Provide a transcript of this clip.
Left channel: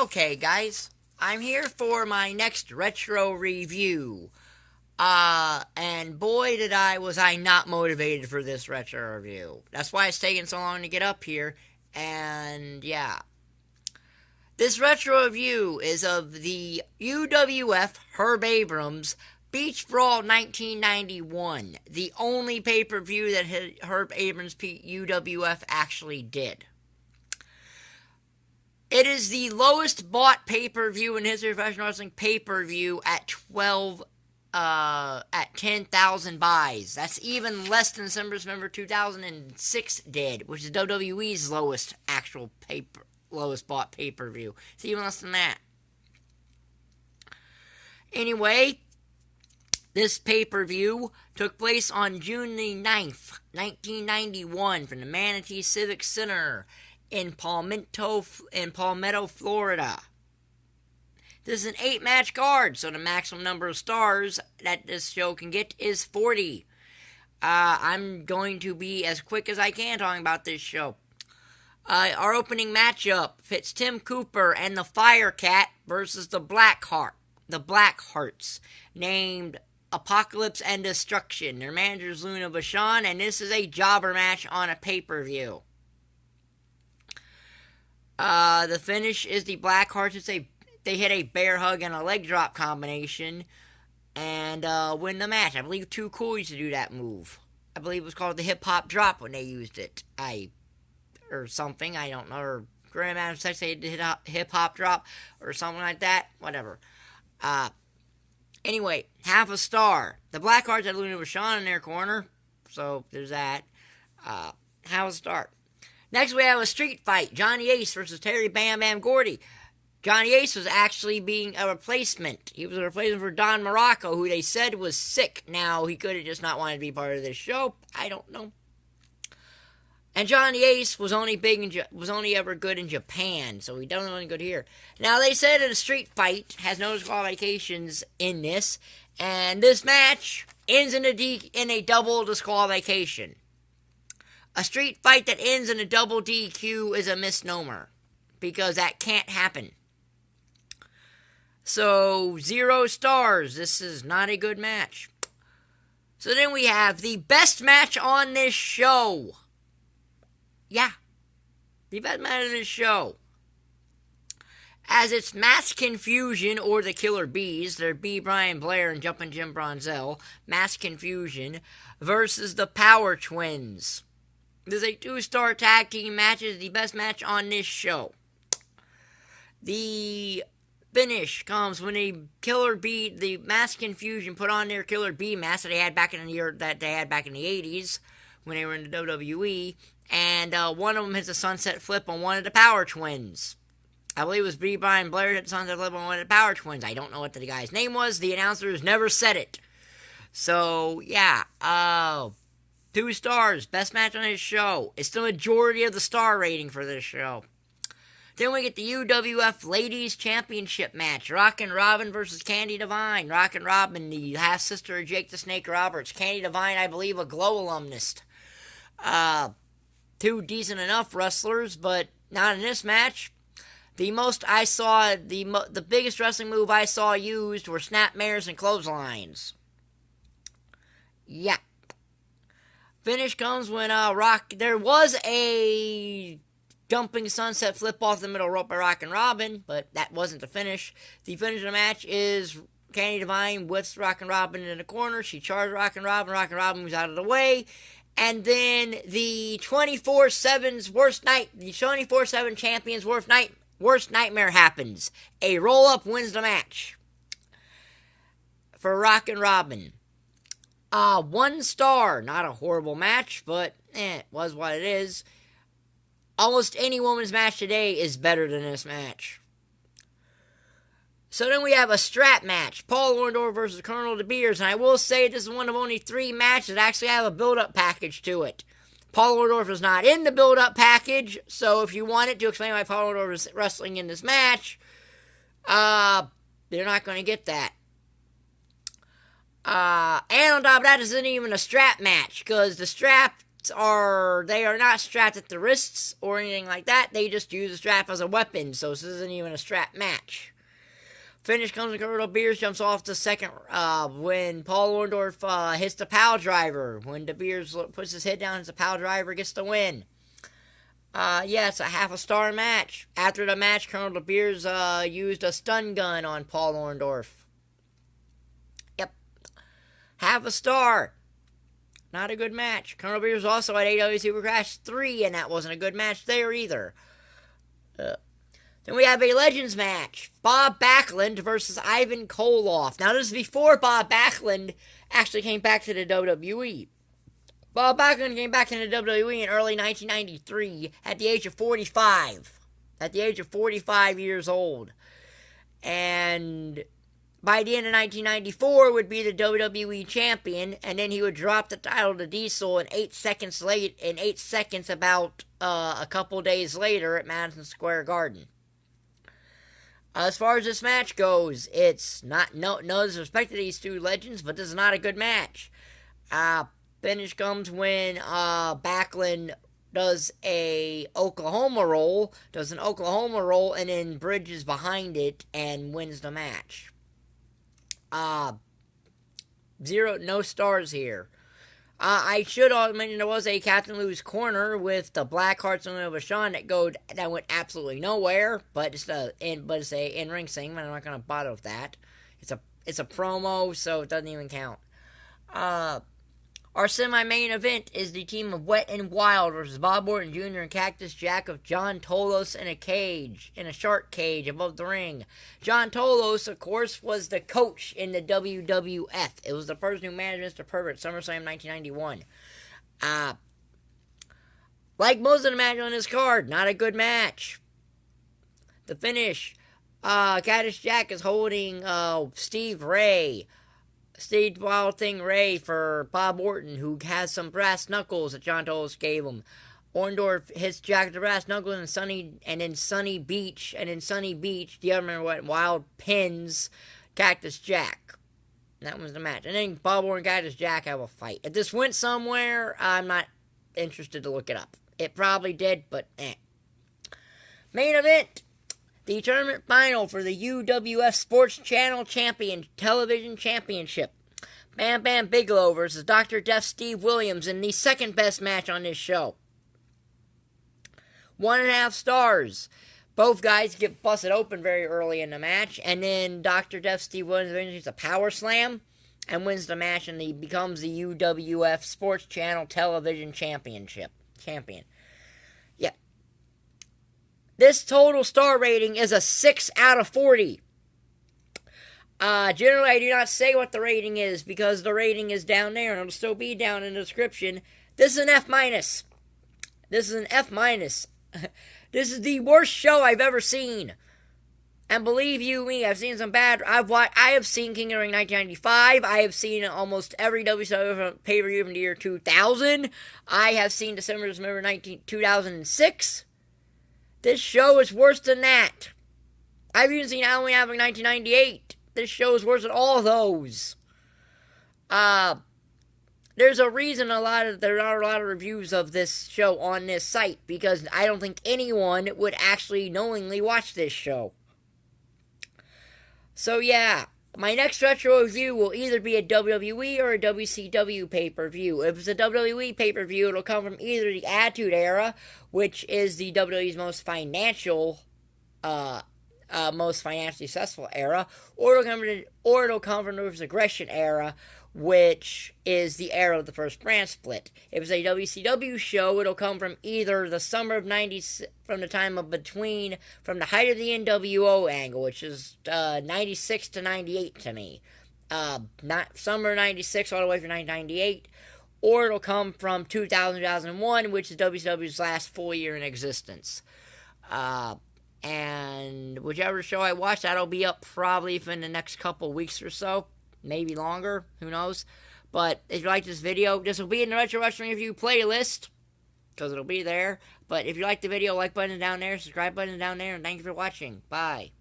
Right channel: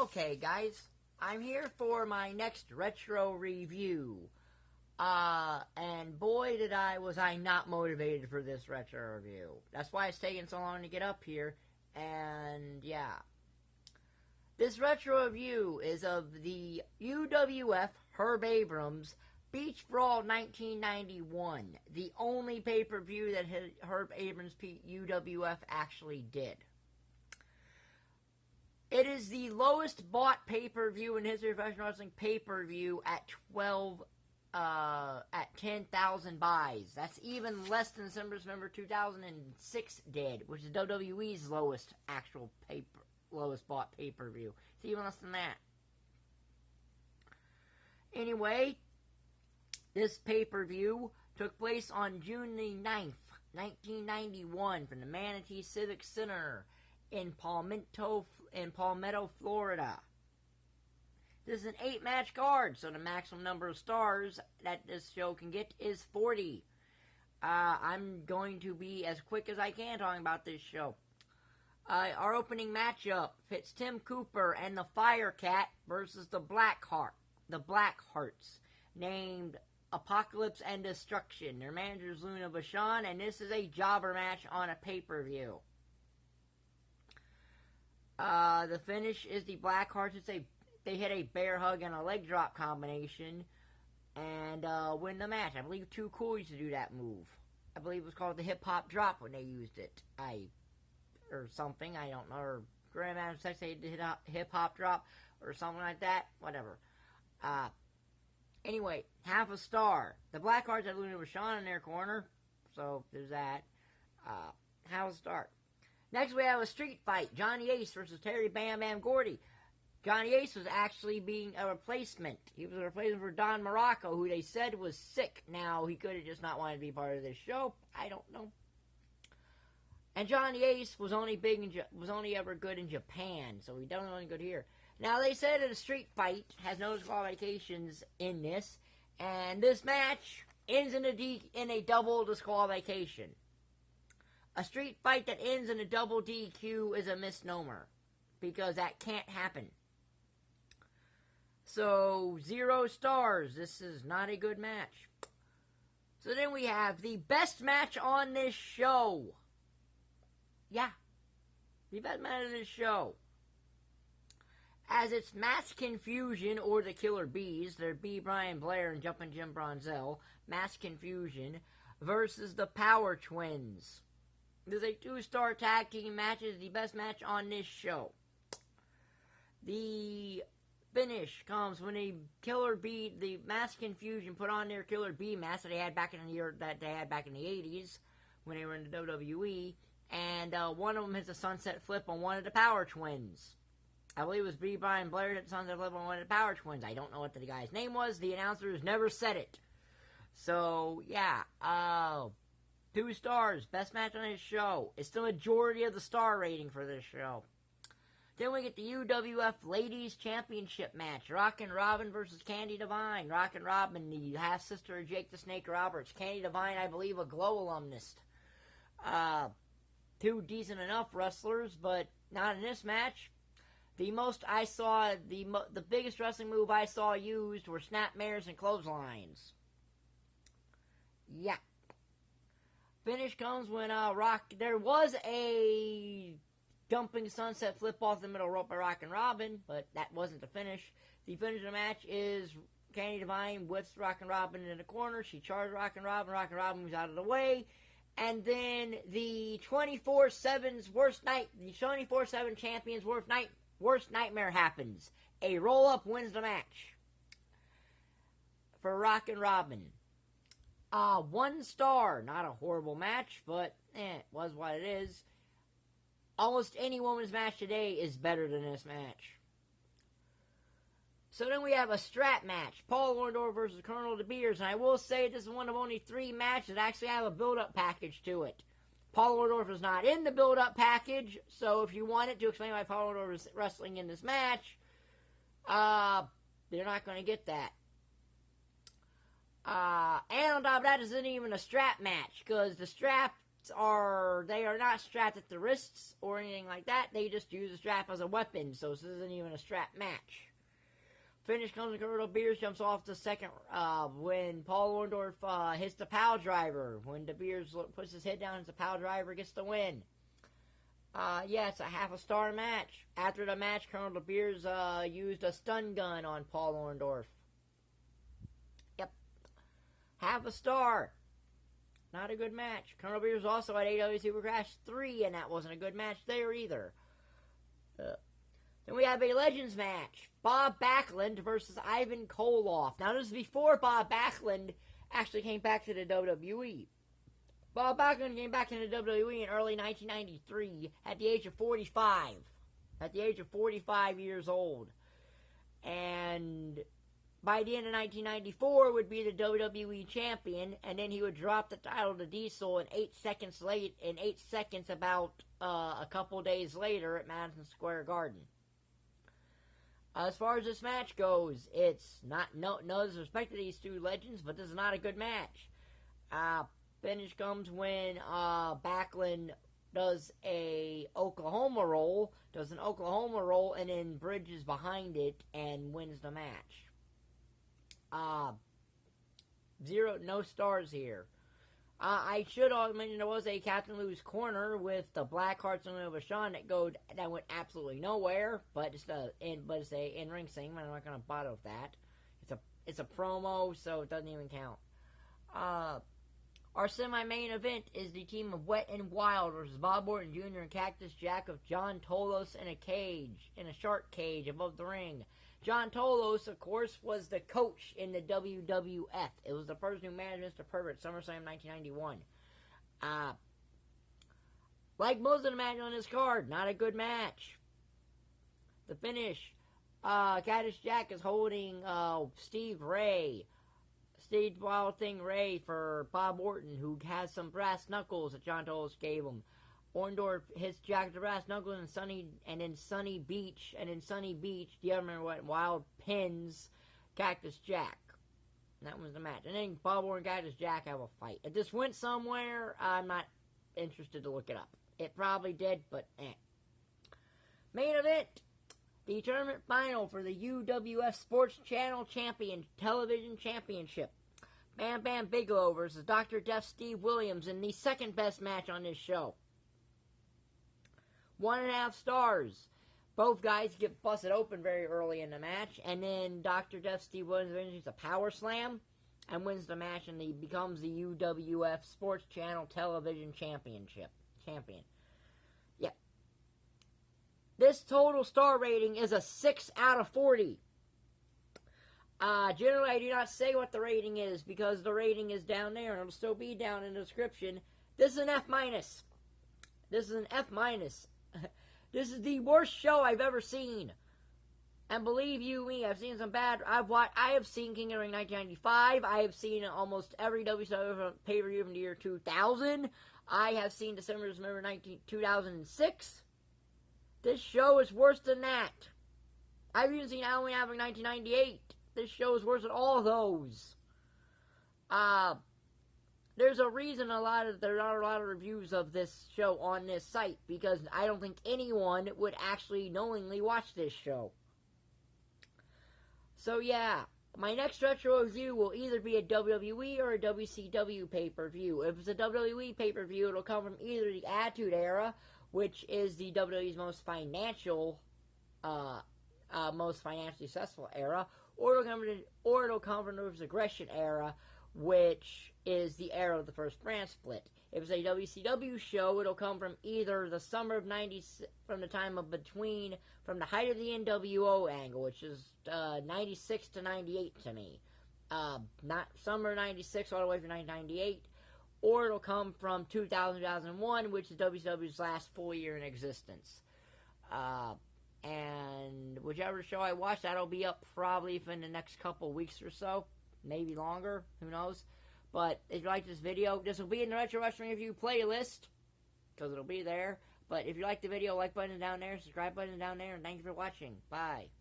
Okay, guys, I'm here for my next retro review. And boy, was I not motivated for this retro review. That's why it's taking so long to get up here. And yeah, this retro review is of the UWF Herb Abrams Beach Brawl 1991, the only pay per view that Herb Abrams UWF actually did. It is the lowest bought pay-per-view in history of professional wrestling pay-per-view at 10,000 buys. That's even less than December 2006 did, which is WWE's lowest bought pay-per-view. It's even less than that. Anyway, this pay-per-view took place on June the 9th, 1991 from the Manatee Civic Center in Palmetto, Florida. This is an 8-match card, so the maximum number of stars that this show can get is 40. I'm going to be as quick as I can talking about this show. Our opening matchup fits Tim Cooper and the Firecat versus the Blackhearts, named Apocalypse and Destruction. Their manager is Vachon, and this is a jobber match on a pay-per-view. The finish is the Blackhearts. They hit a bear hug and a leg drop combination and win the match. I believe Too Cool used to do that move. I believe it was called the hip hop drop when they used it. Or something. I don't know. Or Grand Adam Sex they did hip hop drop or something like that. Whatever. Anyway, half a star. The Blackhearts had Luna Vachon in their corner, so there's that. Half a star. Next, we have a street fight. Johnny Ace versus Terry Bam Bam Gordy. Johnny Ace was actually being a replacement. He was a replacement for Don Morocco, who they said was sick. Now, he could have just not wanted to be part of this show. I don't know. And Johnny Ace was only ever good in Japan, so he doesn't really good here. Now, they said that a street fight has no disqualifications in this, and this match ends in a double disqualification. A street fight that ends in a double DQ is a misnomer, because that can't happen. So, 0 stars. This is not a good match. So then we have the best match on this show. Yeah, the best match on this show. As it's Mass Confusion, or the Killer Bees, they're B. Brian Blair and Jumpin' Jim Bronzell, Mass Confusion, versus the Power Twins. This is a 2-star tag team match. It is the best match on this show. The finish comes when the Mass Confusion put on their Killer Bee mask that they had back in the 80s when they were in the WWE, and one of them hits a sunset flip on one of the Power Twins. I believe it was B. Brian Blair hit the sunset flip on one of the Power Twins. I don't know what the guy's name was. The announcers never said it. So, yeah, 2 stars, best match on this show. It's the majority of the star rating for this show. Then we get the UWF Ladies Championship match. Rockin' Robin versus Candy DeVine. Rockin' Robin, the half-sister of Jake the Snake Roberts. Candy DeVine, I believe, a Glow alumnus. 2 decent enough wrestlers, but not in this match. The biggest wrestling move I saw used were snapmares and clotheslines. Yeah. Finish comes when there was a jumping sunset flip off the middle rope by Rockin' Robin, but that wasn't the finish. The finish of the match is Candy DeVine whips Rockin' Robin in the corner. She charges Rockin' Robin. Rockin' Robin moves out of the way. And then the 24/7 champion's worst nightmare happens. A roll-up wins the match for Rockin' Robin. 1 star. Not a horrible match, but it was what it is. Almost any women's match today is better than this match. So then we have a strap match. Paul Orndorff versus Colonel DeBeers. And I will say this is one of only 3 matches that actually have a build-up package to it. Paul Orndorff is not in the build-up package, so if you wanted to explain why Paul Orndorff is wrestling in this match, they're not going to get that. And on top of that, this isn't even a strap match, because the strap they are not strapped at the wrists or anything like that. They just use the strap as a weapon, so this isn't even a strap match. Finish comes when DeBeers jumps off the second when Paul Orndorff hits the pile driver. When DeBeers puts his head down, the pile driver gets the win. Yeah, it's a half-a-star match. After the match, Colonel DeBeers used a stun gun on Paul Orndorff. Yep. Half a star. Not a good match. Colonel DeBeers also had AW Super Crash 3, and that wasn't a good match there either. Then we have a Legends match. Bob Backlund versus Ivan Koloff. Now, this is before Bob Backlund actually came back to the WWE. Bob Backlund came back to the WWE in early 1993 at the age of 45. At the age of 45 years old. And by the end of 1994 would be the WWE champion, and then he would drop the title to Diesel in 8 seconds about a couple days later at Madison Square Garden. As far as this match goes, it's not no disrespect to these two legends, but this is not a good match. Finish comes when Backlund does an Oklahoma roll, and then bridges behind it and wins the match. No stars here. I should also mention there was a Captain Lou's Corner with the Blackhearts and Vachon that went absolutely nowhere, but it's a in-ring segment. I'm not gonna bother with that. It's a promo, so it doesn't even count. Our semi-main event is the team of Wet and Wild versus Bob Orton Jr. and Cactus Jack of John Tolos in a shark cage above the ring. John Tolos, of course, was the coach in the WWF. It was the person who managed Mr. Pervert SummerSlam 1991. Like most of the matches on this card, not a good match. The finish, Cactus Jack is holding Steve Wild Thing Ray for Bob Orton, who has some brass knuckles that John Tolos gave him. Orndorff hits Jack with the brass knuckles, and then Sunny Beach, the other Wet and Wild pins Cactus Jack. That was the match. And then Bob Orton and Cactus Jack have a fight. If this went somewhere, I'm not interested to look it up. It probably did, but eh. Main event. The tournament final for the UWF Sports Channel Television Championship. Bam Bigelow versus Dr. Death Steve Williams in the second best match on this show. 1.5 stars. Both guys get busted open very early in the match, and then Dr. Death Steve Williams wins a power slam and wins the match, and he becomes the UWF Sports Channel Television champion. This total star rating is a 6 out of 40. Generally, I do not say what the rating is because the rating is down there and it'll still be down in the description. This is an F-. This is an F-. This is the worst show I've ever seen. And believe you me, I've seen some bad. I have seen King of the Ring 1995. I have seen almost every WCW pay-per-view from the year 2000. I have seen December 2006. This show is worse than that. I've even seen Halloween Havoc 1998. This show is worse than all of those. There's a reason there are a lot of reviews of this show on this site, because I don't think anyone would actually knowingly watch this show. So yeah, my next retro review will either be a WWE or a WCW pay-per-view. If it's a WWE pay-per-view, it'll come from either the Attitude Era, which is the WWE's most financially successful era, or it'll come from the Ruthless Aggression Era, which is the era of the first brand split. If it's a WCW show, it'll come from either the summer of 90, from the height of the NWO angle, which is 96 to 98 to me. Not summer 96 all the way through 1998, or it'll come from 2000-2001, which is WCW's last full year in existence. And whichever show I watch, that'll be up probably in the next couple weeks or so. Maybe longer, who knows. But if you like this video, this will be in the Retro Wrestling Review playlist, because it'll be there. But if you like the video, like button down there, subscribe button down there, and thank you for watching. Bye.